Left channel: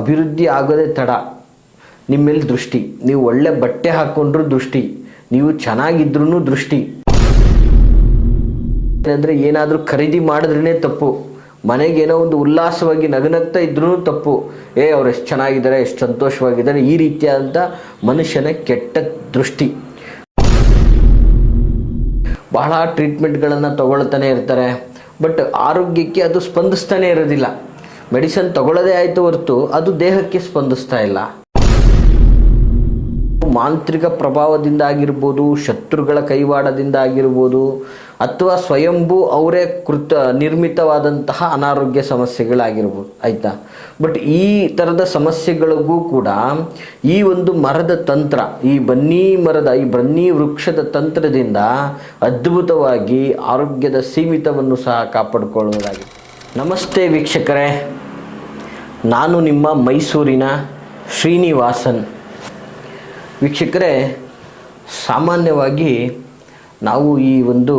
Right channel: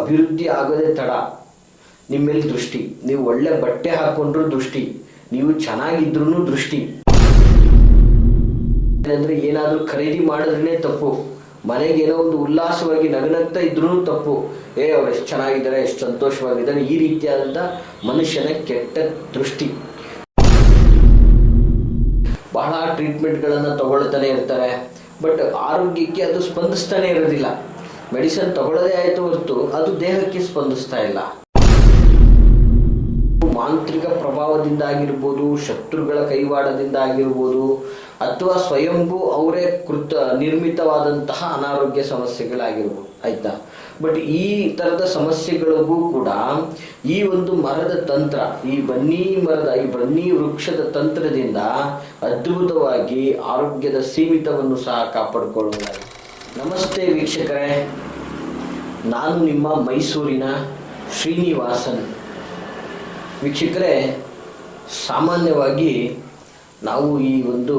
ಅಭಿವೃದ್ಧಿ ಆಗೋದೇ ತಡ. ನಿಮ್ಮ ಮೇಲೆ ದೃಷ್ಟಿ, ನೀವು ಒಳ್ಳೆ ಬಟ್ಟೆ ಹಾಕ್ಕೊಂಡ್ರೂ ದೃಷ್ಟಿ, ನೀವು ಚೆನ್ನಾಗಿದ್ರೂ ದೃಷ್ಟಿ. ಅಂದರೆ ಏನಾದರೂ ಖರೀದಿ ಮಾಡಿದ್ರೇ ತಪ್ಪು, ಮನೆಗೇನೋ ಒಂದು ಉಲ್ಲಾಸವಾಗಿ ನಗನಗ್ತಾ ಇದ್ರೂ ತಪ್ಪು. ಅವ್ರು ಎಷ್ಟು ಚೆನ್ನಾಗಿದ್ದಾರೆ, ಎಷ್ಟು ಸಂತೋಷವಾಗಿದ್ದಾರೆ, ಈ ರೀತಿಯಾದಂಥ ಮನುಷ್ಯನ ಕೆಟ್ಟ ದೃಷ್ಟಿ. ಬಹಳ ಟ್ರೀಟ್ಮೆಂಟ್ಗಳನ್ನು ತಗೊಳ್ತಾನೆ ಇರ್ತಾರೆ, ಬಟ್ ಆರೋಗ್ಯಕ್ಕೆ ಅದು ಸ್ಪಂದಿಸ್ತಾನೆ ಇರೋದಿಲ್ಲ. ಮೆಡಿಸಿನ್ ತಗೊಳ್ಳೋದೇ ಆಯಿತು ಹೊರತು ಅದು ದೇಹಕ್ಕೆ ಸ್ಪಂದಿಸ್ತಾ ಇಲ್ಲ. ಮಾಂತ್ರಿಕ ಪ್ರಭಾವದಿಂದ ಆಗಿರ್ಬೋದು, ಶತ್ರುಗಳ ಕೈವಾಡದಿಂದ ಆಗಿರ್ಬೋದು, ಅಥವಾ ಸ್ವಯಂಭೂ ಅವರೇ ನಿರ್ಮಿತವಾದಂತಹ ಅನಾರೋಗ್ಯ ಸಮಸ್ಯೆಗಳಾಗಿರ್ಬೋದು, ಆಯಿತಾ. ಬಟ್ ಈ ಥರದ ಸಮಸ್ಯೆಗಳಿಗೂ ಕೂಡ ಈ ಒಂದು ಮರದ ತಂತ್ರ, ಈ ಬನ್ನಿ ವೃಕ್ಷದ ತಂತ್ರದಿಂದ ಅದ್ಭುತವಾಗಿ ಆರೋಗ್ಯದ ಸೀಮಿತವನ್ನು ಸಹ ಕಾಪಾಡಿಕೊಳ್ಳುವುದಾಗಿದೆ. ನಮಸ್ತೆ ವೀಕ್ಷಕರೇ, ನಾನು ನಿಮ್ಮ ಮೈಸೂರಿನ ಶ್ರೀನಿವಾಸನ್. ವೀಕ್ಷಕರೇ, ಸಾಮಾನ್ಯವಾಗಿ ನಾವು ಈ ಒಂದು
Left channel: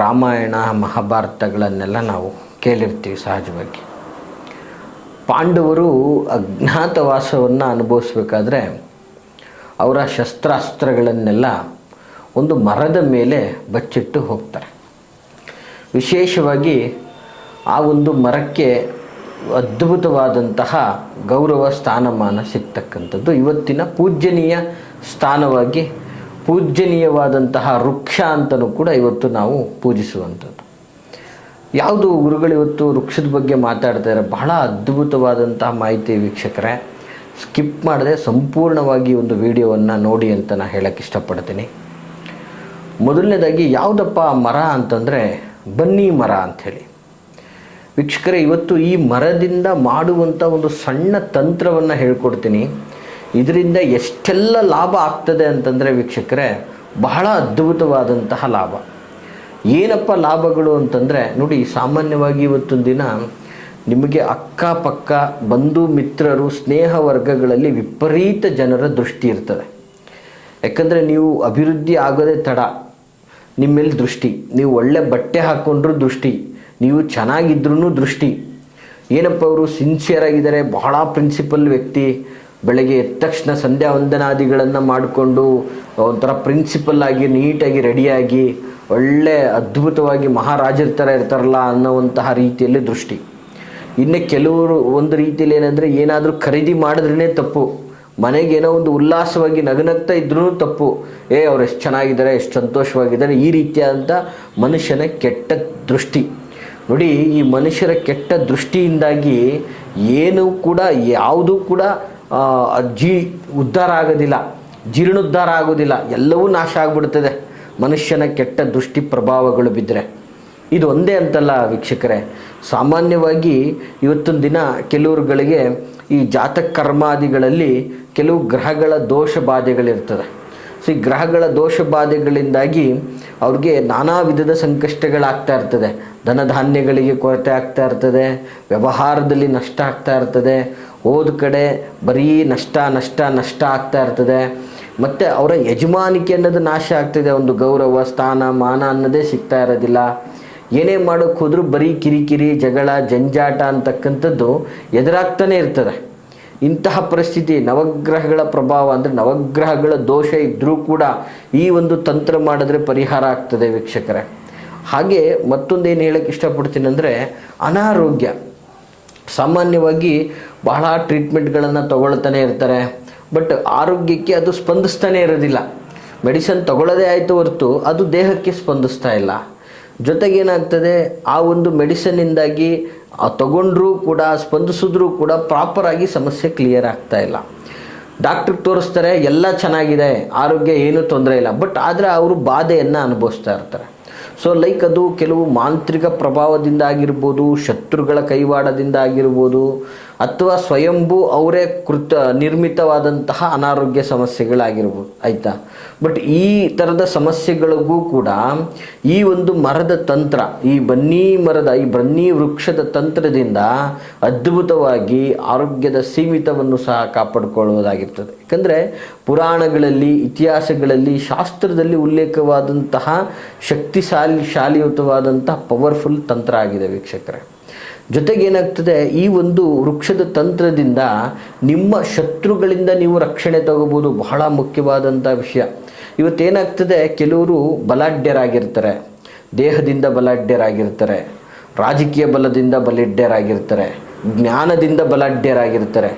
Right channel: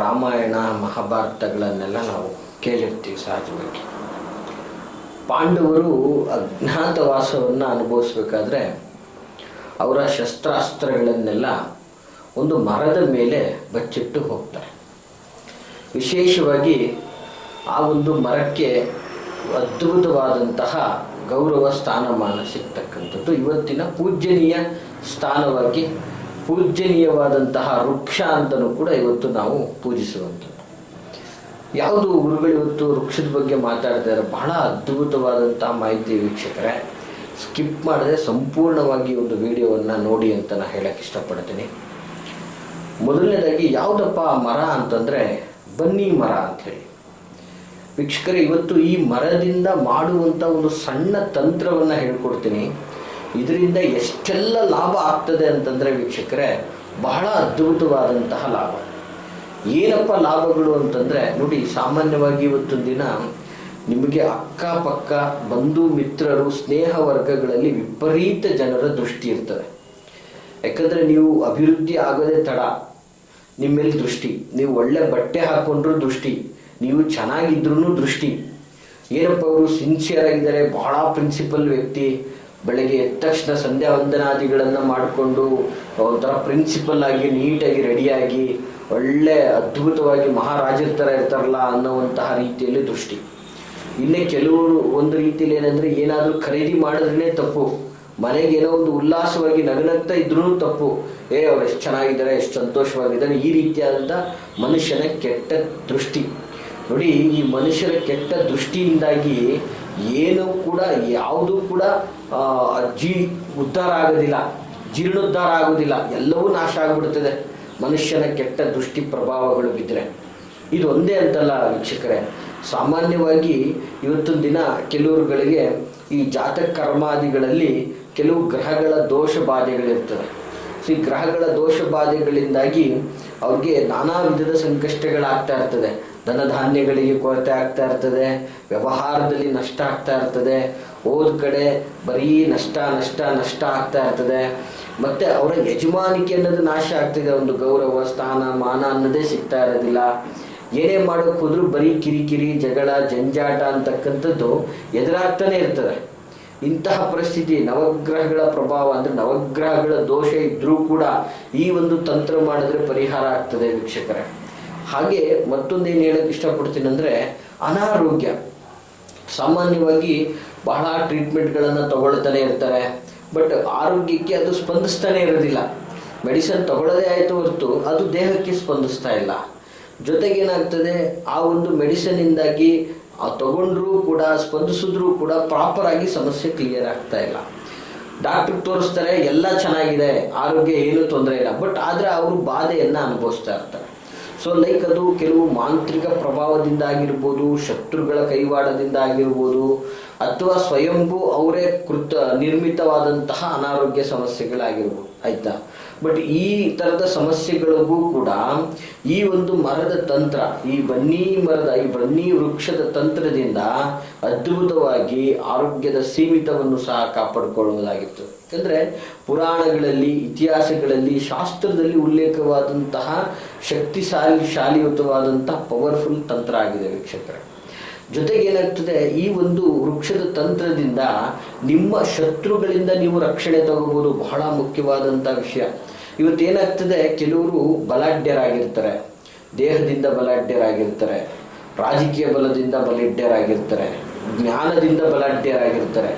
ರಾಮಾಯಣ ಮಹಾಭಾರತಗಳನ್ನೆಲ್ಲ ನಾವು ಕೇಳಿರ್ತೀವಿ. ಸಹಜವಾಗಿ ಪಾಂಡವರು ಅಜ್ಞಾತವಾಸವನ್ನು ಅನುಭವಿಸ್ಬೇಕಾದ್ರೆ ಅವರ ಶಸ್ತ್ರಾಸ್ತ್ರಗಳನ್ನೆಲ್ಲ ಒಂದು ಮರದ ಮೇಲೆ ಬಚ್ಚಿಟ್ಟು ಹೋಗ್ತಾರೆ. ವಿಶೇಷವಾಗಿ ಆ ಒಂದು ಮರಕ್ಕೆ ಅದ್ಭುತವಾದಂತಹ ಗೌರವ ಸ್ಥಾನಮಾನ ಸಿಗ್ತಕ್ಕಂಥದ್ದು ಇವತ್ತಿನ ಪೂಜ್ಯನೀಯವಾದಂತಹ ವೃಕ್ಷ ಅಂತಲೂ ಕೂಡ ಇವತ್ತು ನಾವು ಪೂಜಿಸುವಂಥದ್ದು. ಯಾವುದು ಗುರುಗಳು ಇವತ್ತು ವೃಕ್ಷದ ಬಗ್ಗೆ ಮಾತಾಡ್ತಾರೆ, ಬಹಳ ಅದ್ಭುತವಾದಂತಹ ಮಾಹಿತಿ ವೀಕ್ಷಕರೇ. ಸ್ಕಿಪ್ ಮಾಡದೆ ಸಂಪೂರ್ಣವಾಗಿ ಒಂದು ವಿಡಿಯೋವನ್ನು ನೋಡಿ ಅಂತ ನಾನು ಹೇಳಕ್ಕೆ ಇಷ್ಟಪಡ್ತೀನಿ. ಮೊದಲನೇದಾಗಿ ಯಾವುದಪ್ಪ ಮರ ಅಂತಂದರೆ ಬನ್ನಿ ಮರ ಅಂಥೇಳಿ. ವೀಕ್ಷಕರೇ, ಇವತ್ತು ಈ ಮರದಿಂದ ಮಾಡುವಂಥ ಒಂದು ಸಣ್ಣ ತಂತ್ರವನ್ನು ಹೇಳ್ಕೊಡ್ತೀನಿ. ಇದರಿಂದ ಎಷ್ಟೆಲ್ಲ ಲಾಭ ಆಗ್ತದೆ ಅಂತಂದರೆ ವೀಕ್ಷಕರೇ, ಬಹಳ ಅದ್ಭುತವಾದಂತಹ ಲಾಭ. ಏನಪ್ಪ ಲಾಭಗಳು ಅಂತಂದರೆ ನೋಡಿ, ಸಾಮಾನ್ಯವಾಗಿ ಇವತ್ತೊಂದು ದಿನ ನಿಮಗೆ ಅಕ್ಕಪಕ್ಕ ಬಂಧು ಮಿತ್ರರು ಸ್ನೇಹ ವರ್ಗಗಳಲ್ಲಿ ವಿಪರೀತ ಜನರ ದೃಷ್ಟಿ ಇರ್ತದೆ. ಯಾಕಂದರೆ ನೀವು ಅಭಿವೃದ್ಧಿ ಆಗೋದೇ ತಡ. ನಿಮ್ಮ ಮೇಲೆ ದೃಷ್ಟಿ, ನೀವು ಒಳ್ಳೆ ಬಟ್ಟೆ ಹಾಕ್ಕೊಂಡ್ರೂ ದೃಷ್ಟಿ, ನೀವು ಚೆನ್ನಾಗಿದ್ರೂ ದೃಷ್ಟಿ. ಏನಪ್ಪ ಅವರು ಸಿನ್ಸಿಯರ್ ಆಗಿದ್ದಾರೆ, ಬಹಳ ಪ್ರಿನ್ಸಿಪಲ್ ವ್ಯಕ್ತಿ, ಬೆಳಗ್ಗೆ ಎದ್ದ ತಕ್ಷಣ ಸಂಧ್ಯಾ ವಂದನಾದಿಗಳನ್ನು ಮಾಡಿಕೊಂಡು ಒಂಥರ ಪ್ರಿನ್ಸಿಪಲ್ ಆಗಿ ನೀಟಾಗಿ ರೆಡಿಯಾಗಿ ಒಳ್ಳೆ ಅದ್ಭುತವಾಗಿ ಮಹಾರಾಜರ ಥರ ಇರ್ತಾರಲ್ಲ ಅನ್ನೋವಂತಹ ರೀತಿಯಲ್ಲಿ ದೃಷ್ಟಿ. ಇನ್ನು ಕೆಲವರು ಒಂದು ರೀತಿಯಲ್ಲಿ ಏನಂದರೆ ಏನಾದರೂ ಖರೀದಿ ಮಾಡಿದ್ರೇ ತಪ್ಪು, ಮನೆಗೇನೋ ಒಂದು ಉಲ್ಲಾಸವಾಗಿ ನಗನಗ್ತಾ ಇದ್ರೂ ತಪ್ಪು. ಅವ್ರು ಎಷ್ಟು ಚೆನ್ನಾಗಿದ್ದಾರೆ, ಎಷ್ಟು ಸಂತೋಷವಾಗಿದ್ದಾರೆ, ಈ ರೀತಿಯಾದಂಥ ಮನುಷ್ಯನ ಕೆಟ್ಟ ದೃಷ್ಟಿ. ನೋಡಿ, ಈ ಮನುಷ್ಯರ ಕೆಟ್ಟ ದೃಷ್ಟಿಯಿಂದಾಗಿ ಯಾವುದೂ ಕೂಡ ಉದ್ಧಾರ ಆಗೋದಿಲ್ಲ, ಜೀರ್ಣೋದ್ಧಾರ ಆಗೋದಿಲ್ಲ, ಎಲ್ಲವೂ ನಾಶ ಆಗಿಬಿಡ್ತದೆ ಮನುಷ್ಯನ ಕೆಟ್ಟ ದೃಷ್ಟಿ ಪ್ರಭಾವಗಳು ಬಿದ್ದರೆ. ಇದು ಒಂದೇ ಅಂತಲ್ಲ ವೀಕ್ಷಕರೇ, ಸಾಮಾನ್ಯವಾಗಿ ಇವತ್ತೊಂದು ದಿನ ಕೆಲವರುಗಳಿಗೆ ಈ ಜಾತಕ ಕರ್ಮಾದಿಗಳಲ್ಲಿ ಕೆಲವು ಗ್ರಹಗಳ ದೋಷ ಬಾಧೆಗಳಿರ್ತದೆ. ಸೊ ಈ ಗ್ರಹಗಳ ದೋಷ ಬಾಧೆಗಳಿಂದಾಗಿ ಅವ್ರಿಗೆ ನಾನಾ ವಿಧದ ಸಂಕಷ್ಟಗಳಾಗ್ತಾ ಇರ್ತದೆ. ಧನಧಾನ್ಯಗಳಿಗೆ ಕೊರತೆ ಆಗ್ತಾ ಇರ್ತದೆ, ವ್ಯವಹಾರದಲ್ಲಿ ನಷ್ಟ ಆಗ್ತಾ ಇರ್ತದೆ, ಹೋದ ಕಡೆ ಬರೀ ನಷ್ಟ ಆಗ್ತಾ ಇರ್ತದೆ. ಮತ್ತು ಅವರ ಯಜಮಾನಿಕೆ ಅನ್ನೋದು ನಾಶ ಆಗ್ತಿದೆ, ಒಂದು ಗೌರವ ಸ್ಥಾನ ಮಾನ ಅನ್ನೋದೇ ಸಿಗ್ತಾ ಇರೋದಿಲ್ಲ. ಏನೇ ಮಾಡೋಕ್ಕೆ ಹೋದರೂ ಬರೀ ಕಿರಿಕಿರಿ ಜಗಳ ಜಂಜಾಟ ಅಂತಕ್ಕಂಥದ್ದು ಎದುರಾಗ್ತಾನೆ ಇರ್ತದೆ. ಇಂತಹ ಪರಿಸ್ಥಿತಿ ನವಗ್ರಹಗಳ ಪ್ರಭಾವ ಅಂದರೆ ನವಗ್ರಹಗಳ ದೋಷ ಇದ್ದರೂ ಕೂಡ ಈ ಒಂದು ತಂತ್ರ ಮಾಡಿದ್ರೆ ಪರಿಹಾರ ಆಗ್ತದೆ ವೀಕ್ಷಕರೇ. ಹಾಗೆ ಮತ್ತೊಂದೇನು ಹೇಳಕ್ಕೆ ಇಷ್ಟಪಡ್ತೀನಿ ಅಂದರೆ ಅನಾರೋಗ್ಯ. ಸಾಮಾನ್ಯವಾಗಿ ಬಹಳ ಟ್ರೀಟ್ಮೆಂಟ್ಗಳನ್ನು ತಗೊಳ್ತಾನೆ ಇರ್ತಾರೆ, ಬಟ್ ಆರೋಗ್ಯಕ್ಕೆ ಅದು ಸ್ಪಂದಿಸ್ತಾನೆ ಇರೋದಿಲ್ಲ. ಮೆಡಿಸಿನ್ ತಗೊಳ್ಳೋದೇ ಆಯಿತು ಹೊರತು ಅದು ದೇಹಕ್ಕೆ ಸ್ಪಂದಿಸ್ತಾ ಇಲ್ಲ. ಜೊತೆಗೇನಾಗ್ತದೆ, ಆ ಒಂದು ಮೆಡಿಸಿನ್ನಿಂದಾಗಿ ತಗೊಂಡ್ರೂ ಕೂಡ ಸ್ಪಂದಿಸಿದ್ರೂ ಕೂಡ ಪ್ರಾಪರಾಗಿ ಸಮಸ್ಯೆ ಕ್ಲಿಯರ್ ಆಗ್ತಾ ಇಲ್ಲ. ಡಾಕ್ಟ್ರಿಗೆ ತೋರಿಸ್ತಾರೆ, ಎಲ್ಲ ಚೆನ್ನಾಗಿದೆ, ಆರೋಗ್ಯ ಏನೂ ತೊಂದರೆ ಇಲ್ಲ, ಬಟ್ ಆದರೆ ಅವರು ಬಾಧೆಯನ್ನು ಅನುಭವಿಸ್ತಾ ಇರ್ತಾರೆ. ಸೊ ಅದು ಕೆಲವು ಮಾಂತ್ರಿಕ ಪ್ರಭಾವದಿಂದ ಆಗಿರ್ಬೋದು, ಶತ್ರುಗಳ ಕೈವಾಡದಿಂದ ಆಗಿರ್ಬೋದು, ಅಥವಾ ಸ್ವಯಂಭೂ ಅವರೇ ನಿರ್ಮಿತವಾದಂತಹ ಅನಾರೋಗ್ಯ ಸಮಸ್ಯೆಗಳಾಗಿರ್ಬೋದು, ಆಯಿತಾ. ಬಟ್ ಈ ಥರದ ಸಮಸ್ಯೆಗಳಿಗೂ ಕೂಡ ಈ ಒಂದು ಮರದ ತಂತ್ರ, ಈ ಬನ್ನಿ ವೃಕ್ಷದ ತಂತ್ರದಿಂದ ಅದ್ಭುತವಾಗಿ ಆರೋಗ್ಯದ ಸೀಮಿತವನ್ನು ಸಹ ಕಾಪಾಡಿಕೊಳ್ಳುವುದಾಗಿರ್ತದೆ. ಯಾಕಂದರೆ ಪುರಾಣಗಳಲ್ಲಿ, ಇತಿಹಾಸಗಳಲ್ಲಿ, ಶಾಸ್ತ್ರದಲ್ಲಿ ಉಲ್ಲೇಖವಾದಂತಹ ಶಾಲಿಯುತವಾದಂತಹ ಪವರ್ಫುಲ್ ತಂತ್ರ ಆಗಿದೆ ವೀಕ್ಷಕರೇ. ಜೊತೆಗೆ ಏನಾಗ್ತದೆ, ಈ ಒಂದು ವೃಕ್ಷದ ತಂತ್ರದಿಂದ ನಿಮ್ಮ ಶತ್ರುಗಳಿಂದ ನೀವು ರಕ್ಷಣೆ ತಗೋಬೋದು. ಬಹಳ ಮುಖ್ಯವಾದಂಥ ವಿಷಯ. ಇವತ್ತೇನಾಗ್ತದೆ, ಕೆಲವರು ಬಲಾಢ್ಯರಾಗಿರ್ತಾರೆ, ದೇಹದಿಂದ ಬಲಾಢ್ಯರಾಗಿರ್ತಾರೆ, ರಾಜಕೀಯ ಬಲದಿಂದ ಬಲಾಢ್ಯರಾಗಿರ್ತಾರೆ, ಜ್ಞಾನದಿಂದ ಬಲಾಢ್ಯರಾಗಿರ್ತಾರೆ.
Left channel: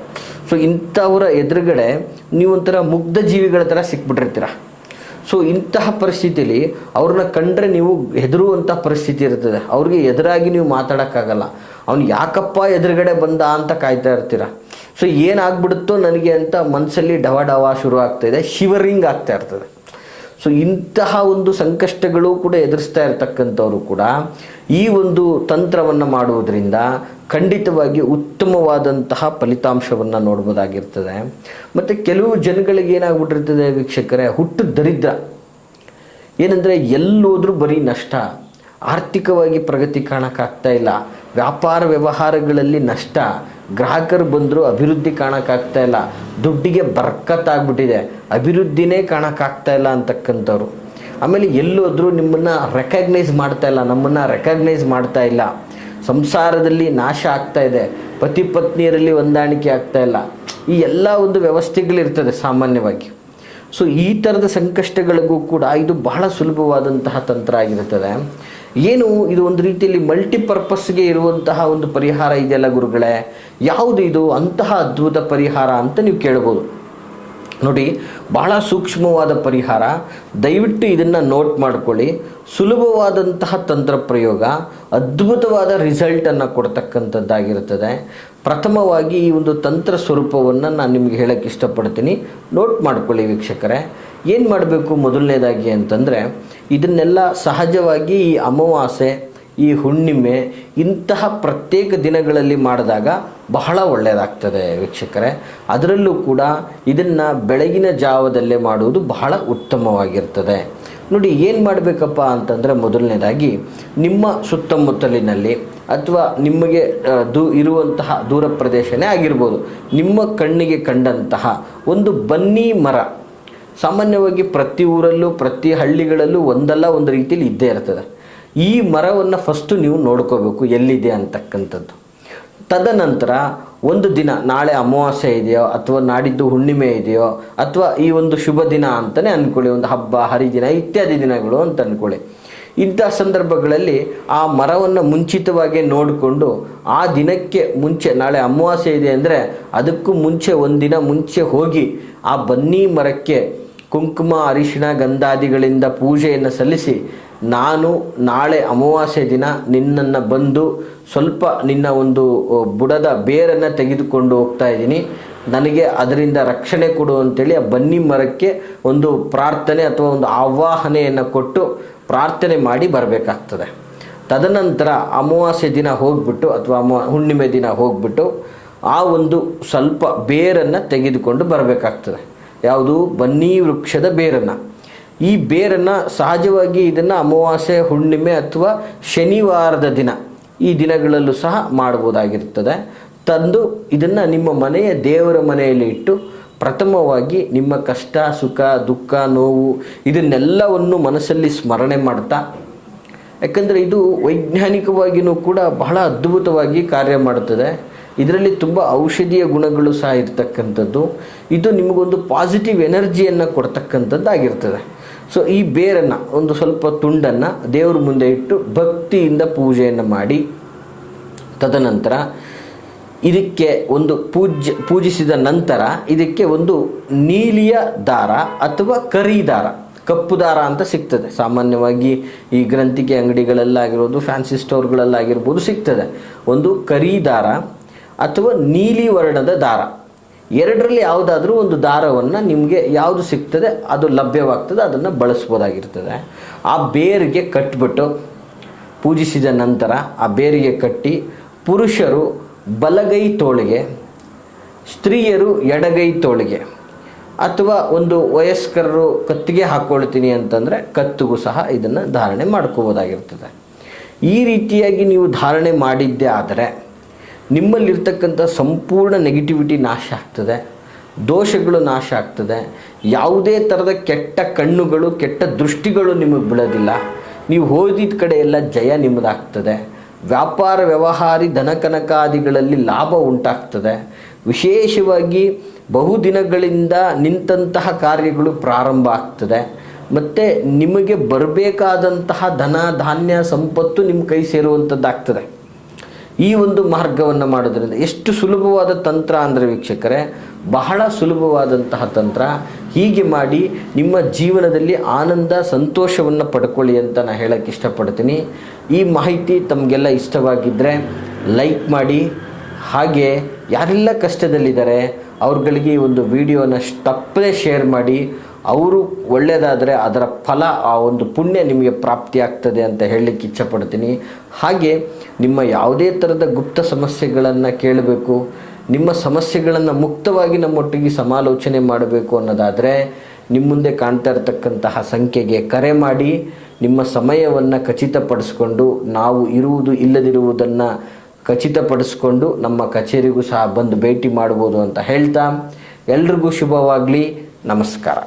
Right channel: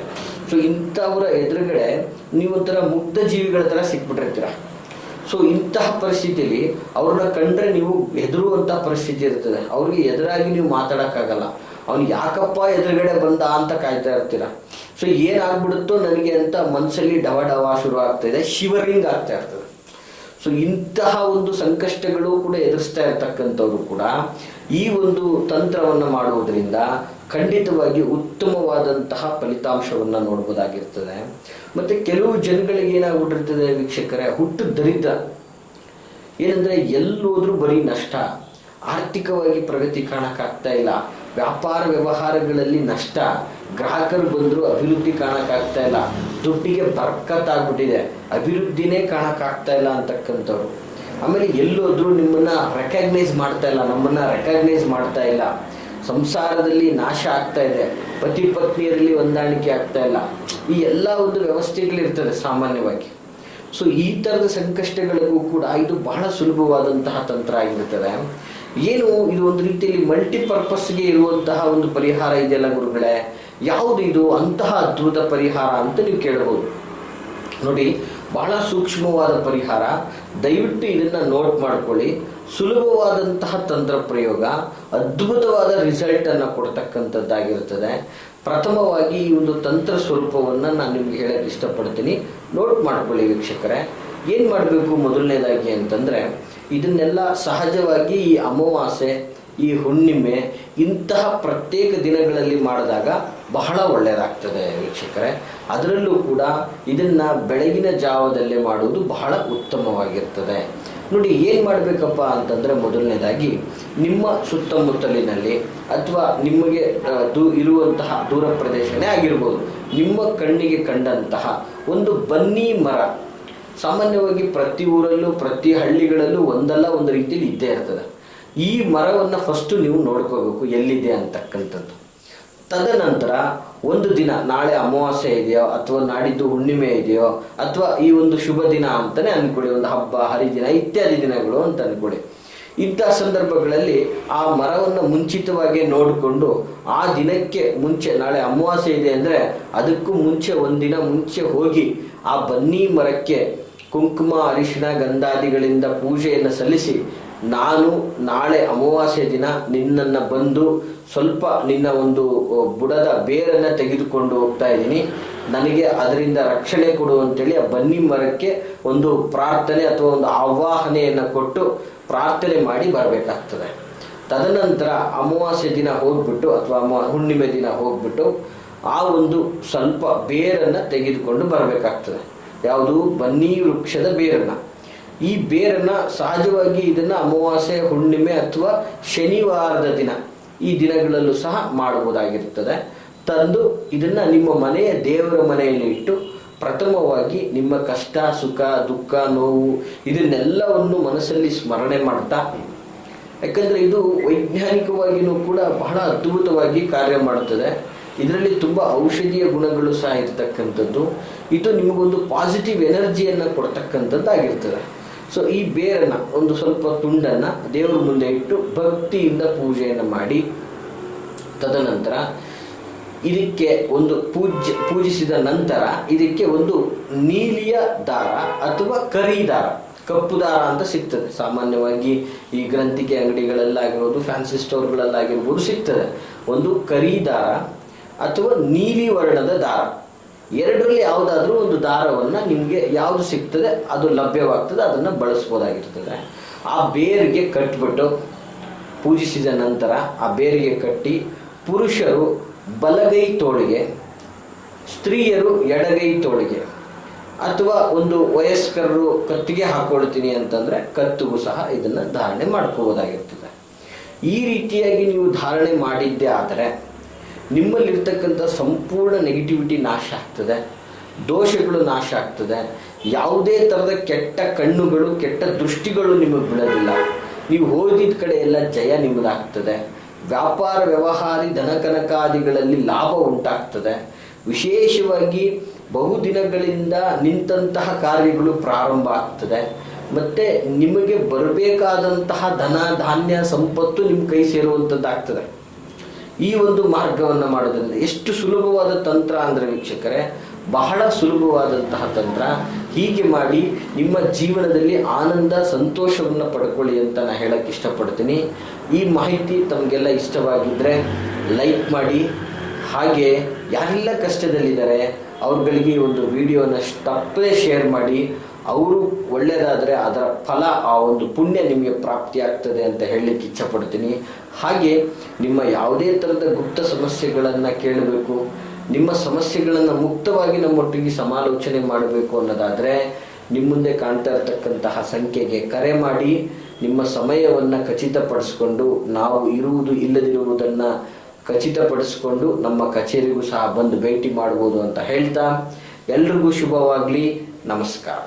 ಸೊ ಇಂಥವರ ಎದುರುಗಡೆ ನೀವೊಂಥರ ಮುಗ್ಧ ಜೀವಿಗಳ ಥರ ಸಿಕ್ಬಿಟ್ಟಿರ್ತೀರ. ಸೊ ಇಂತಹ ಪರಿಸ್ಥಿತಿಯಲ್ಲಿ ಅವ್ರನ್ನ ಕಂಡ್ರೆ ನೀವು ಹೆದರುವಂಥ ಪರಿಸ್ಥಿತಿ ಇರ್ತದೆ. ಅವ್ರಿಗೆ ಎದುರಾಗಿ ನೀವು ಮಾತಾಡೋಕ್ಕಾಗಲ್ಲ. ಅವ್ನು ಯಾಕಪ್ಪ ಎದುರುಗಡೆ ಬಂದ ಅಂತ ಕಾಯ್ತಾ ಇರ್ತೀರ. ಸೊ ಏನಾಗ್ಬಿಡುತ್ತೋ ನನಗೆ ಅಂತ ಮನಸ್ಸಲ್ಲಿ ಡವ ಡವ ಶುರು ಆಗ್ತಾಯಿದೆ, ಶಿವರಿಂಗ್ ಆಗ್ತಾ ಇರ್ತದೆ. ಸೊ ಇಂತಹ ಒಂದು ಸಂಕಷ್ಟಗಳು ಕೂಡ ಎದುರಿಸ್ತಾ ಇರ್ತಕ್ಕಂಥವ್ರು ಕೂಡ ಈ ಒಂದು ತಂತ್ರವನ್ನು ಮಾಡುವುದರಿಂದ ಖಂಡಿತವಾಗಿ ಉತ್ತಮವಾದಂತಹ ಫಲಿತಾಂಶವನ್ನು ನೋಡ್ಬೋದಾಗಿರ್ತದೆ. ಮತ್ತು ಕೆಲವು ಜನಗಳಿಗೆ ಏನಾಗ್ಬಿಟ್ಟಿರ್ತದೆ ವೀಕ್ಷಕರೇ, ಹುಟ್ಟು ದರಿದ್ರ. ಏನಂದರೆ ಎಲ್ಲೋದ್ರೂ ಬರೀ ನಷ್ಟ, ಆರ್ಥಿಕವಾಗಿ ಪ್ರಗತಿ ಕಾಣಕ್ಕಾಗ್ತಾ ಇಲ್ಲ, ವ್ಯಾಪಾರ ವ್ಯವಹಾರಗಳಲ್ಲಿ ನಷ್ಟ, ಗ್ರಾಹಕರು ಬಂದರೂ ಅಭಿವೃದ್ಧಿ ಕಾಣಕ್ಕಾಗ್ತಾ ಇಲ್ಲ, ದುಡ್ಡಿಗೆ ಬರ್ಕತ್ತಾಗ್ಬಿಟ್ಟಿದೆ, ಅಭಿವೃದ್ಧಿನೇ ಕಾಣಕ್ಕಾಗ್ತಾ ಇಲ್ಲ ಅಂತಕ್ಕಂಥವ್ರು. ಆಮೇಲೆ ಎಲ್ಲೋದ್ರೂ ನಿಮ್ಮನ್ನು ರೆಕಗ್ನೈಸ್ ಮಾಡ್ತಾ ಇಲ್ಲ, ನಮ್ಮನ್ನು ರೆಕಗ್ನೈಸ್ ಮಾಡ್ತಾ ಇಲ್ಲ, ಸಂಸಾರದಲ್ಲಿ ನಾಶ ಆಗ್ತಾ ಇದೆ, ಪತಿ ಪತ್ನಿಯರಲ್ಲಿ ಹೊಂದಾಣಿಕೆ ಆಗ್ತಾ ಇಲ್ಲ, ಈ ಎಲ್ಲ ಒಂದು ವ್ಯವಸ್ಥೆಗಳಿರ್ತದೆ ಸಾಮಾನ್ಯವಾಗಿ. ಸೊ ಈ ಥರದ ಸಂಕಷ್ಟಗಳಿಗೂ ಕೂಡ ಇದು ಬಹಳ ಸುಲಭವಾದಂತಹ ತಂತ್ರ ಆಗಿರುತ್ತದೆ. ಏನು ಇದು ಒಂದು ರೀತಿಯಲ್ಲಿ ಮಲ್ಟಿಪರ್ಪಸ್ಗೆ ಇರುವಂತಹ ಒಂದು ಪರಿಹಾರ ಇದೆಯಲ್ಲ ಗುರುಗಳೇ, ಯಾವುದು ಇದು ಅಂತಹ ಅದ್ಭುತ ಪರಿಹಾರ ಅಂತ ನೀವು ಕೇಳ್ಬೋದು. ನೋಡಿ, ಬಹಳ ಸೂಕ್ಷ್ಮವಾದ ಪರಿಹಾರ, ದಯವಿಟ್ಟು ಇದನ್ನು ನೋಟ್ ಮಾಡ್ಕೊಳ್ಳಿ. ಸುಲಭವಾದಂತಹ ತಂತ್ರ ಪ್ರಯೋಗ, ಅದ್ಭುತವಾದ ರಿಸಲ್ಟನ್ನು ಕೊಡ್ತಕ್ಕಂಥದ್ದಾಗಿರುತ್ತದೆ. ಪ್ರಥಮವಾಗಿ ಈ ಒಂದು ತಂತ್ರ ಸ್ವರೂಪವನ್ನು ನಾನು ನಿಮಗೆ ಹೇಳೋಕ್ಕೆ ಇಷ್ಟಪಡ್ತೀನಿ, ನೋಟ್ ಮಾಡ್ಕೊಳ್ಳಿ ವೀಕ್ಷಕರೇ. ಏನು ಮಾಡಬೇಕು ಮೊದಲನೇದಾಗಿ ಅಂತಂದರೆ, ಇದನ್ನೆಲ್ಲ ಸಹಜವಾಗಿ ಈ ಅಮಾವಾಸ್ಯೆ, ಈ ಹುಣ್ಣಿಮೆ ಇಂತಹ ಪ್ರತ್ಯೇಕ ದಿನಗಳಲ್ಲಿ ಮಾಡಿದಾಗ ಬಹಳ ಒಳ್ಳೆಯದಾಗ್ತದೆ ವೀಕ್ಷಕರೇ. ಅದರಲ್ಲೂ ಕೂಡ ಇದನ್ನು ಬೆಳಗಿನ ಜಾವದಲ್ಲೇ ಮಾಡುವುದು ಬಹಳ ಉತ್ತಮವಾಗಿರ್ತದೆ. ನೋಡಿ, ಏನು ಮಾಡಬೇಕಪ್ಪ ಅಂತಂದರೆ, ಮೊದಲನೇದಾಗಿ ನಿಮ್ಮ ಸುತ್ತಮುತ್ತಲಿನಲ್ಲಿ ಅಥವಾ ನಿಮಗೆ ಇರುವಂತಹ ದೂರ ಪ್ರದೇಶನೇ ಆಗಿರ್ಬೋದು, ನಿಮ್ಮ ಕಣ್ಣಿಗೆ ಕಂಡಂತಹ ಒಂದು ಬನ್ನಿ ಮರ, ಸಾಮಾನ್ಯವಾಗಿ ಪ್ರತಿ ಊರಲ್ಲೂ ಪ್ರತಿ ಹಳ್ಳಿಗಳಲ್ಲೂ ಒಂದಲ್ಲ ಒಂದು ರೀತಿಯಲ್ಲಿ ಇದ್ದೇ ಇರ್ತದೆ. ಈ ಮರವನ್ನು ಫಸ್ಟು ನೀವು ನೋಡ್ಕೋಬೇಕು ಎಲ್ಲಿದೆ ಅಂತಕ್ಕಂಥದ್ದು. ತದನಂತರ ಒಂದು ದಿನ, ನಾಳೆ ಅಮಾವಾಸ್ಯೆ ಇದೆಯೋ ಅಥವಾ ನಾಡಿದ್ದು ಹುಣ್ಣಿಮೆ ಇದೆಯೋ ಅಥವಾ ಈ ಒಂದು ಶುಭ ದಿನ ಅಂತಲೇ ಅಂದ್ಕೊಳ್ಳಿ, ಒಂದು ಹಬ್ಬ ಹರಿದಿನ ಇತ್ಯಾದಿ ದಿನಗಳು ಅಂತ ಅಂದ್ಕೊಳ್ಳಿ. ಇಂಥ ಸಂದರ್ಭಗಳಲ್ಲಿ ಆ ಮರವನ್ನು ಮುಂಚಿತವಾಗಿ ನೋಡಿಕೊಂಡು ಆ ದಿನಕ್ಕೆ ಮುಂಚೆ, ನಾಳೆ ಅಮಾವಾಸ್ಯೆ ಇದೆ ಅಂದರೆ ಅದಕ್ಕೂ ಮುಂಚೆ ಒಂದಿನ ಮುಂಚೆ ಹೋಗಿ ಆ ಬನ್ನಿ ಮರಕ್ಕೆ ಕುಂಕುಮ ಅರಿಶಿಣ ಗಂಧಾದಿಗಳಿಂದ ಪೂಜೆಯನ್ನು ಸಲ್ಲಿಸಿ, ನಾನು ನಾಳೆ ಅಮಾವಾಸ್ಯೆ ದಿನ ನಿನ್ನನ್ನು ಬಂದು ಸ್ವಲ್ಪ ನಿನ್ನ ಒಂದು ಬುಡದ ಬೇರನ್ನು ತೆಗೆದುಕೊಂಡು ಹೋಗ್ತಾ ಇದ್ದೀನಿ, ನನಗೆ ಅದರಿಂದ ರಕ್ಷಣೆ ಕೊಡು ಅಂತೇಳಿ ಆ ಬನ್ನಿ ಮರಕ್ಕೆ ಒಂದು ಪ್ರಾರ್ಥನೆ ಅಥವಾ ಒಂದು ಆವಾಹನೆಯನ್ನು ಕೊಟ್ಟು ಪ್ರಾರ್ಥನೆ ಮಾಡಿ ಬರಬೇಕಾಗ್ತದೆ. ತದನಂತರ ಅಮಾವಾಸ್ಯೆ ದಿನ ಹೋಗ್ಬಿಟ್ಟು ಅಥವಾ ಹುಣ್ಣಿಮೆ ದಿನ ಹೋಗ್ಬಿಟ್ಟು ಆ ಒಂದು ಸ್ವಲ್ಪ ಬೇರನ್ನು ತೆಗೆದುಕೊಂಡು ಬರಬೇಕಾಗ್ತದೆ. ಯಾವುದು? ಬನ್ನಿ ವೃಕ್ಷದ ಬೇರನ್ನು. ಈ ಬೇರನ್ನು ಸಹಜವಾಗಿ ಇದನ್ನು ಅಮಾವಾಸ್ಯೆ, ಹುಣ್ಣಿಮೆ ಅಥವಾ ಶನಿವಾರದ ದಿನ, ಈ ದಿನಗಳಲ್ಲೂ ಸಹ ಮಾಡ್ಬೋದಾಗಿರ್ತದೆ. ತಂದು ಇದನ್ನು ನಿಮ್ಮ ಮನೆಯ ದೇವರ ಮನೆಯಲ್ಲಿ ಇಟ್ಟು ಪ್ರಥಮವಾಗಿ ನಿಮ್ಮ ಕಷ್ಟ, ಸುಖ, ದುಃಖ, ನೋವು ಇದನ್ನೆಲ್ಲವನ್ನು ಮನಸ್ಸಲ್ಲಿ ಸ್ಮರಣೆ ಮಾಡ್ತಾ, ಯಾಕಂದರೆ ಇದು ವೈಜ್ಞಾನಿಕವಾಗಿಯೂ ಕೂಡ ಬಹಳ ಅದ್ಭುತವಾಗಿ ಕಾರ್ಯ ಮಾಡುತ್ತದೆ. ಇದರಲ್ಲಿ ತುಂಬ ಔಷಧೀಯ ಗುಣಗಳು ಸಹ ಇರ್ತಕ್ಕಂಥದ್ದು. ಇದು ನಿಮಗೊಂದು ಪಾಸಿಟಿವ್ ಎನರ್ಜಿಯನ್ನು ಕೊಡ್ತಕ್ಕಂಥದ್ದಾಗಿರ್ತದೆ. ಸೊ ಈ ಬೇರನ್ನು ಒಂದು ಸ್ವಲ್ಪ ತುಂಡನ್ನು ದೇವರ ಮುಂದೆ ಇಟ್ಟು ಭಕ್ತಿಯಿಂದ ಪೂಜೆಯನ್ನು ಮಾಡಿ, ತದನಂತರ ಇದಕ್ಕೆ ಒಂದು ಪೂಜಿಸಿದ ನಂತರ ಇದಕ್ಕೆ ಒಂದು ನೀಲಿಯ ದಾರ ಅಥವಾ ಕರಿ ದಾರ, ಕಪ್ಪು ದಾರ ಅಂತ ಸಿಗ್ತದೆ. ಸಾಮಾನ್ಯವಾಗಿ ಈ ಗ್ರಂಥಿಗೆ ಅಂಗಡಿಗಳಲ್ಲಾಗಿರ್ಬೋದು, ಫ್ಯಾನ್ಸಿ ಸ್ಟೋರ್ಗಳಲ್ಲಾಗಿರ್ಬೋದು ಸಿಗ್ತದೆ. ಒಂದು ಕರಿ ದಾರ ಅಥವಾ ನೀಲಿ ವರ್ಣದ ದಾರ, ಎರಡರಲ್ಲಿ ಯಾವುದಾದ್ರೂ ಒಂದು ದಾರವನ್ನು ನಿಮಗೆ ಯಾವುದು ಸಿಗ್ತದೆ ಅದು ಲಭ್ಯವಾಗ್ತದೆ, ಅದನ್ನು ಬಳಸ್ಬೋದಾಗಿರ್ತದೆ. ಆ ಬೇರಿಗೆ ಕಟ್ಟಿಬಿಟ್ಟು ಪೂಜಿಸಿದ ನಂತರ ಆ ಬೇರಿಗೆ ಕಟ್ಟಿ ಪುರುಷರು ಬಲಗೈ ತೋಳಿಗೆ, ಸ್ತ್ರೀಯರು ಎಡಗೈ ತೋಳಿಗೆ, ಅಥವಾ ಒಂದು ವಯಸ್ಕರರು ಕತ್ತಿಗೆ ಹಾಕ್ಕೊಳ್ತೀನಿ ಅಂತಂದರೆ ಕತ್ತಿಗೂ ಸಹ ಇದನ್ನು ಧಾರಣೆ ಮಾಡ್ಕೋಬೋದಾಗಿರ್ತದೆ. ಈ ರೀತಿಯಾಗಿ ನೀವು ಧಾರಣೆ ಮಾಡಿದ್ದೇ ಆದರೆ ನಿಮ್ಮಲ್ಲಿರ್ತಕ್ಕಂಥ ಸಂಪೂರ್ಣ ನೆಗೆಟಿವಿಟಿ ನಾಶ ಆಗ್ತದೆ, ದೋಷಗಳು ನಾಶ ಆಗ್ತದೆ, ಯಾವುದೇ ಥರದ ಕೆಟ್ಟ ಕಣ್ಣುಗಳು, ಕೆಟ್ಟ ದೃಷ್ಟಿಗಳು ನಿಮಗೆ ಬೀಳೋದಿಲ್ಲ, ನೀವು ಹೋದಿದ್ದ ಕಡೆ ಎಲ್ಲ ಜಯ ನಿಮ್ಮದಾಗ್ತದೆ, ವ್ಯಾಪಾರ ವ್ಯವಹಾರಿ ಧನಕನಕಾದಿಗಳಲ್ಲಿ ಲಾಭ ಉಂಟಾಗ್ತದೆ. ವಿಶೇಷವಾಗಿ ಬಹುದಿನಗಳಿಂದ ನಿಂತಹ ಕಾರ್ಯಗಳು ಪ್ರಾರಂಭ ಆಗ್ತದೆ. ಮತ್ತು ನಿಮಗೆ ಬರಬೇಕಾದಂತಹ ಧನ ಧಾನ್ಯ ಸಂಪತ್ತು ನಿಮ್ಮ ಕೈ ಸೇರುವಂಥದ್ದಾಗ್ತದೆ. ಈ ಒಂದು ಮಾರ್ಗವನ್ನು ಮಾಡೋದ್ರಿಂದ ಎಷ್ಟು ಸುಲಭವಾದ ತಂತ್ರ ಅಂದರೆ ವೀಕ್ಷಕರೇ, ಬಹಳ ಸುಲಭವಾದಂತಹ ತಂತ್ರ. ಹೀಗೆ ಮಾಡಿ ನಿಮ್ಮ ಜೀವನದಲ್ಲಿ ಆನಂದ ಸಂತೋಷವನ್ನು ಪಡ್ಕೊಳ್ಳಿ ಅಂತ ನಾನು ಹೇಳೋಕ್ಕೆ ಇಷ್ಟಪಡ್ತೀನಿ. ಈ ಮಾಹಿತಿ ತಮಗೆಲ್ಲ ಇಷ್ಟವಾಗಿದ್ದರೆ ಲೈಕ್ ಮಾಡಿ. ಹಾಗೆ ಯಾರೆಲ್ಲ ಕಷ್ಟದಲ್ಲಿದ್ದಾರೆ ಅವ್ರುಗಳಿಗೆ ಒಂದು ವಿಡಿಯೋನ ತಪ್ಪದೇ ಶೇರ್ ಮಾಡಿ. ಅವರು ಒಳ್ಳೆಯದಾದರೆ ಅದರ ಫಲ, ಆ ಒಂದು ಪುಣ್ಯ ನಿಮಗೆ ಪ್ರಾಪ್ತಿಯಾಗ್ತದೆ ಅಂತ ಹೇಳಲಿಕ್ಕೆ ಇಚ್ಛಪಡ್ತೀನಿ. ಹಾಗೆ ನಿಮ್ಮ ಯಾವುದೇ ಥರದ ಗುಪ್ತ ಸಮಸ್ಯೆಗಳನ್ನು ಕೇಳಬೇಕು, ನಿಮ್ಮ ಸಮಸ್ಯೆಗಳನ್ನು ಮುಕ್ತವಾಗಿ ನಮ್ಮೊಟ್ಟಿಗೆ ಸಮಾಲೋಚನೆ ಮಾಡಬೇಕು ಅನ್ನೋದಾದರೆ ನಿಮ್ಮ ಮುಂದೆ ಕಾಣ್ತಾ ಇರತಕ್ಕಂತಹ ಸಂಖ್ಯೆಗೆ ಕರೆ ಮಾಡಿ ನಿಮ್ಮ ಸಮಯವನ್ನು ಖಚಿತಪಡಿಸ್ಕೊಂಡು, ನಾವು ಇರುವುದು ಇಲ್ಲದಿರುವುದನ್ನು ಖಚಿತಪಡಿಸ್ಕೊಂಡು ನಮ್ಮ ಕಚೇರಿಗೂ ಸಹ ಬಂದು ಭೇಟಿ ಮಾಡ್ಬೋದು ಅಂತ ಹೇಳ್ತಾ ಎಲ್ರಿಗೂ ಶುಭವಾಗಲಿ. ನಮಸ್ಕಾರ.